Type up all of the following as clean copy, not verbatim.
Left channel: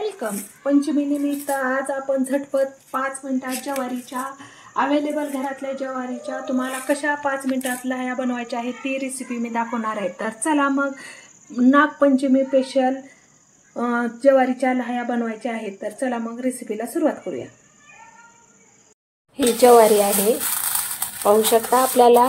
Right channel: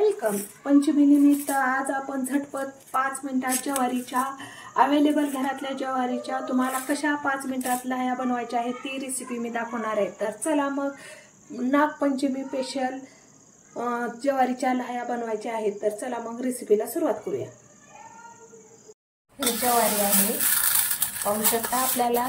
Welcome. पंचमीनिमित्त आज आपण झटपट 5 मिनिटात ज्वारीच्या अवेलेबल घरातल्या ज्वारीच्या तुम्हाला कशा 5 मिनिटात लाह्या बनवायच्या आहेत ती रेसिपी मी दाखवणार आहे. तर चला मग नागपंचमी स्पेशल ज्वारीच्या लाह्या बनवायच्या आहेत. तर चला मग रेसिपीला सुरुवात करूया. ही ज्वारी आहे, पाहू शकता. आपल्याला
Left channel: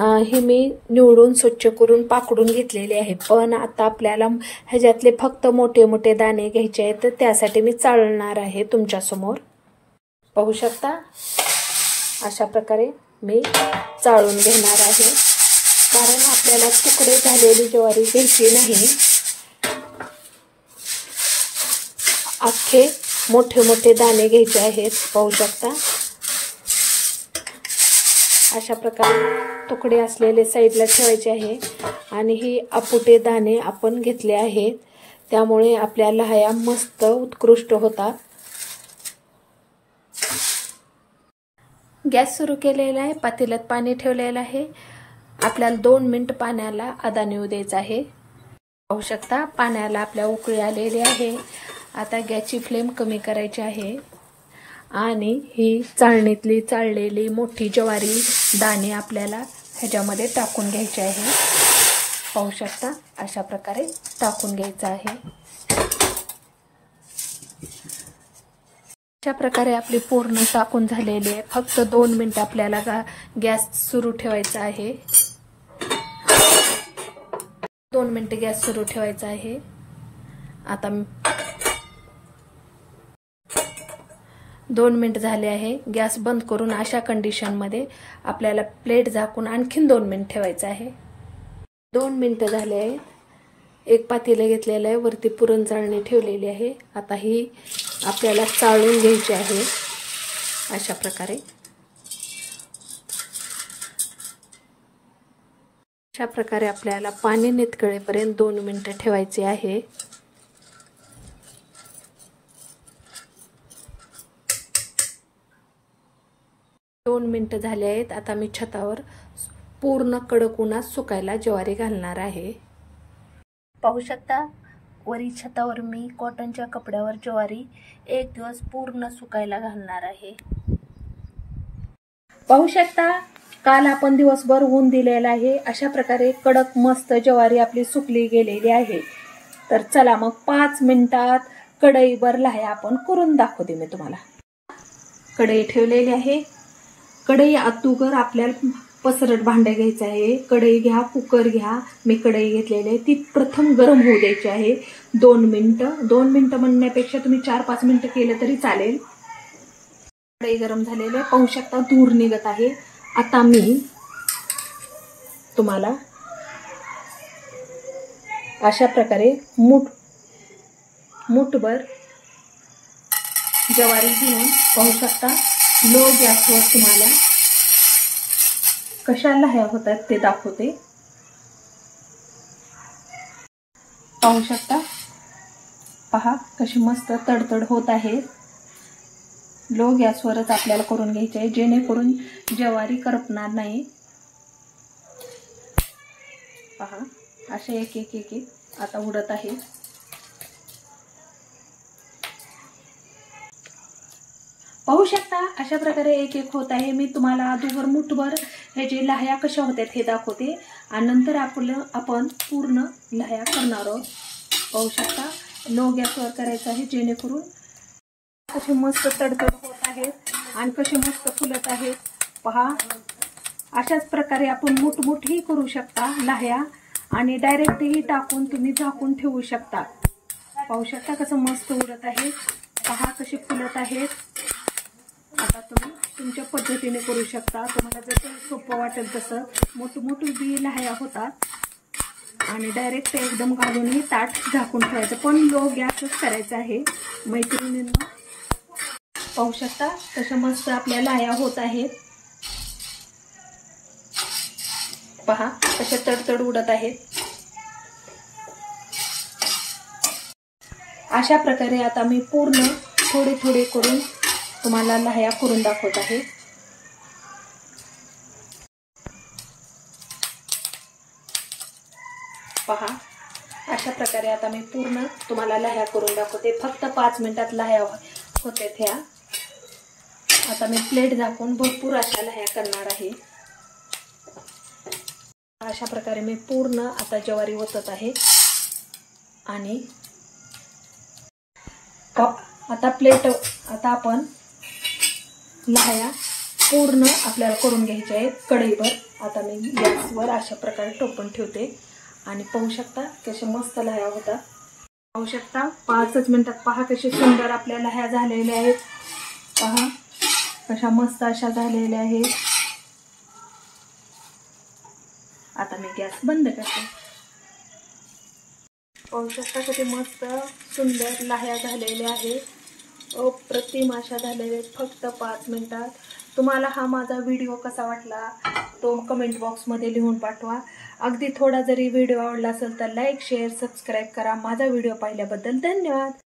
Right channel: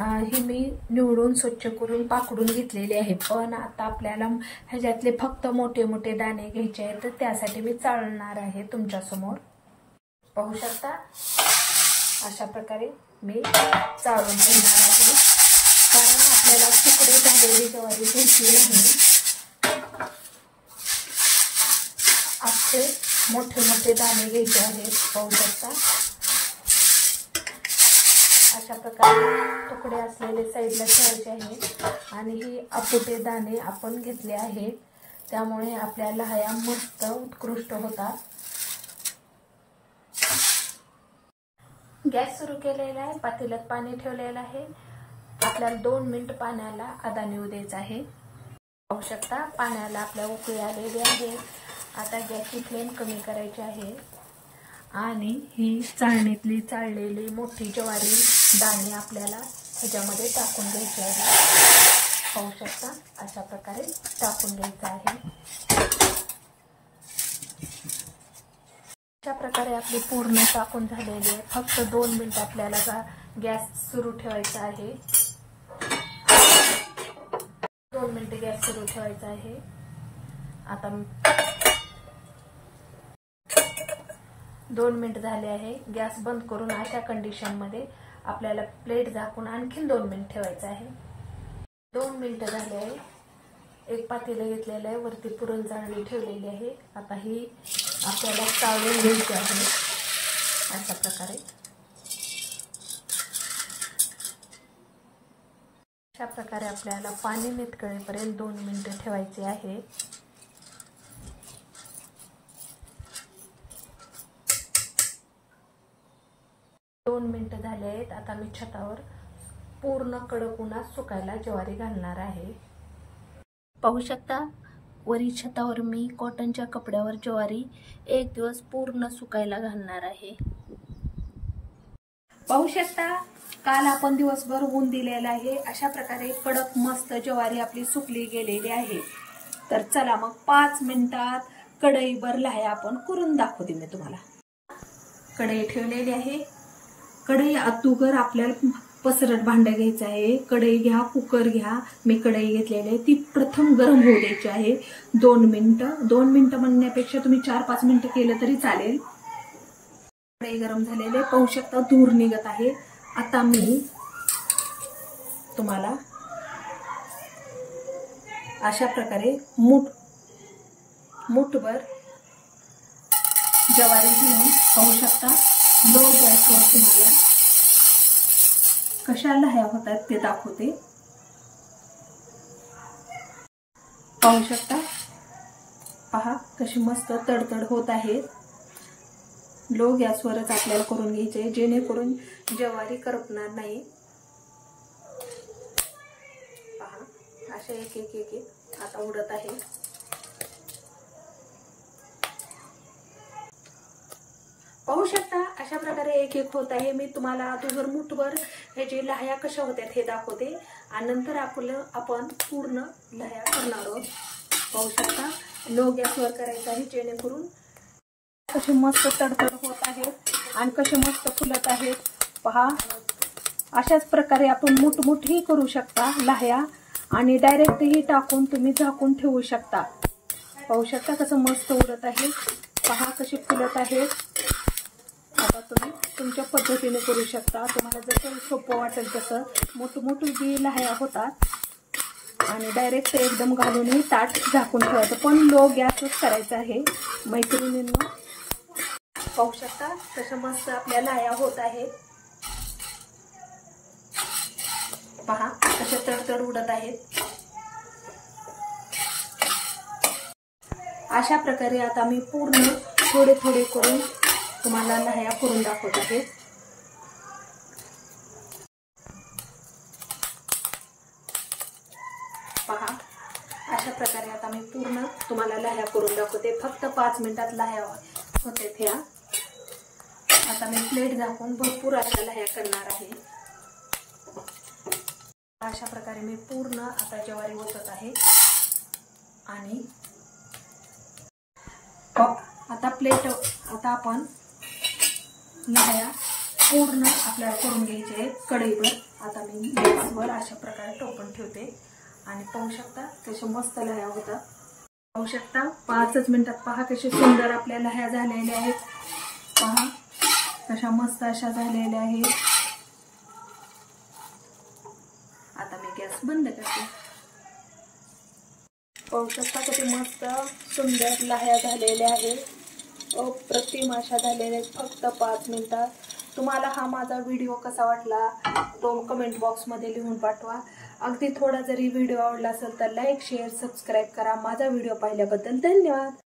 हे मी निवडून स्वच्छ करून पाकडून घेतलेले आहे, पण आता आपल्याला ह्याच्यातले फक्त मोठे मोठे दाणे घ्यायचे आहेत. तर त्यासाठी मी चाळणार आहे तुमच्या समोर. पाहू शकता अशा प्रकारे मी चाळून घेणार आहे, कारण आपल्याला तुकडे झालेली ज्वारी घ्यायची नाही. अख्खे मोठे मोठे दाणे घ्यायचे आहेत. पाहू शकता अशा प्रकारे तुकडे असलेले साईडला ठेवायचे आहे. आणि ही अपुटे दाणे आपण घेतले आहेत, त्यामुळे आपल्या लाह्या मस्त उत्कृष्ट होतात. गॅस सुरू केलेला आहे, पातेल्यात पाणी ठेवलेलं आहे. आपल्याला 2 मिनिट पाण्याला आदान येऊ द्यायचं आहे. पाहू शकता पाण्याला आपल्या उकळी आलेली आहे. आता गॅसची फ्लेम कमी करायची आहे आणि ही चाळणीतली चाळलेली मोठी ज्वारी दाणे आपल्याला ह्याच्यामध्ये टाकून घ्यायचे आहे. पाहू शकता अशा प्रकारे टाकून घ्यायचं आहे. अशा प्रकारे आपली पूर्ण टाकून झालेली आहे. फक्त 2 मिनिट आपल्याला गॅस सुरू ठेवायचा आहे. 2 मिनिट गॅस सुरू ठेवायचा आहे. आता 2 मिनिट झाले आहे. गॅस बंद करून अशा कंडिशनमध्ये आपल्याला प्लेट झाकून आणखीन 2 मिनिट ठेवायचं आहे. 2 मिनिट झाले आहे. एक पातेलं घेतलेलं आहे, वरती पुरण चाळणी ठेवलेली आहे. आता ही आपल्याला चाळून घ्यायची आहे अशा प्रकारे. अशा प्रकारे आपल्याला पाणी नितळेपर्यंत 2 मिनिटं ठेवायचे आहे. 2 मिनिटं झाले आहेत. आता मी छतावर पूर्ण कडक उन्हात सुकायला ज्वारी घालणार आहे. पाहू शकता वरी छतावर मी कॉटनच्या कपड्यावर ज्वारी 1 दिवस पूर्ण सुकायला घालणार आहे. पाहू शकता काल आपण दिवसभर ऊन दिलेला आहे. अशा प्रकारे कडक मस्त ज्वारी आपली सुकली गेलेली आहे. तर चला मग 5 मिनिटात कढईभर लाह्या आपण करून दाखवते मी तुम्हाला. कढई ठेवलेली आहे. कढई अगोदर आपल्याला पसरट भांडं घ्यायचं आहे. कढई घ्या, कुकर घ्या. मी कढई घेतलेली आहे, ती प्रथम गरम होऊ द्यायची आहे 2 मिनिटं. 2 मिनिटं म्हणण्यापेक्षा तुम्ही 4-5 मिनिटं केलं तरी चालेल. कढई गरम झालेली पाहू शकता, धूर निघत आहे. आता मी तुम्हाला अशा प्रकारे मुठभर ज्वारी घेऊन पाहू शकता लो गॅसवर तुम्हाला कशा लाह्या होतात ते दाखवते. पाहू शकता, पहा कशी मस्त तडतड होत आहे. लो गॅसवरच आपल्याला करून घ्यायचे आहे, जेणेकरून ज्वारी करपणार नाही. पहा असे एक एक एक एक आता उडत आहे. पाहू शकता अशा प्रकारे एक एक होत आहे. मी तुम्हाला अगोदर मुठभर ह्याची लाह्या कशा होत्यात हे दाखवते आणि नंतर आपण पूर्ण लाह्या करणार आहोत. पाहू शकता लो गॅसवर करायचं आहे, जेणेकरून कशी मस्त तडतड होत आहेत आणि कशी मस्त फुलत आहेत. पहा अशाच प्रकारे आपण मोठमोठी करू शकता लाह्या आणि डायरेक्टही टाकून तुम्ही झाकून ठेवू शकता. पाहू शकता कसं मस्त उडत आहे. पहा कशी फुलत आहेत. आता तुम्ही तुमच्या पद्धतीने करू शकता. तुम्हाला जसं सोपं वाटेल तसं मोठी बी लाह्या होतात आणि डायरेक्ट एकदम घालूनही ताट झाकून ठेवायचं, पण लो गॅसच करायचं आहे मैत्रिणींनो. पाहू शकता तसं मस्त आपल्या लाह्या होत आहेत. पहा कशा तडतड उडत आहेत. अशा प्रकारे आता मी पूर्ण थोडे थोडे करून तुम्हाला लाह्या करून दाखवत आहे. पहा अशा प्रकारे आता मी पूर्ण तुम्हाला लाह्या करून दाखवते. फक्त 5 मिनिटात लाह्या होते ह्या. आता मी प्लेट झाकून भरपूर अशा लाह्या करणार आहे. अशा प्रकारे मी पूर्ण आता ज्वारी ओतत आहे. आणि आता आपण लाह्या पूर्ण आपल्याला करून घ्यायच्या आहेत कढईवर. आता मी गॅसवर अशा प्रकारे टोपण ठेवते आणि पाहू शकता कशा मस्त लाह्या होतात. पाहू शकता 5च मिनिटात पहा कशी सुंदर आपल्या लाह्या झालेल्या आहेत. पहा कशा मस्त अशा झालेल्या आहेत. आता मी गॅस बंद करते. पाहू शकता किती मस्त सुंदर लाह्या झालेल्या आहेत. अप्रतिम अशा झालेल्या आहेत फक्त 5 मिनिटात. तुम्हाला हा माझा व्हिडिओ कसा वाटला तो कमेंट बॉक्समध्ये लिहून पाठवा. अगदी थोडा जरी व्हिडिओ आवडला असेल तर लाईक शेअर सबस्क्राईब करा. माझा व्हिडिओ पाहिल्याबद्दल धन्यवाद.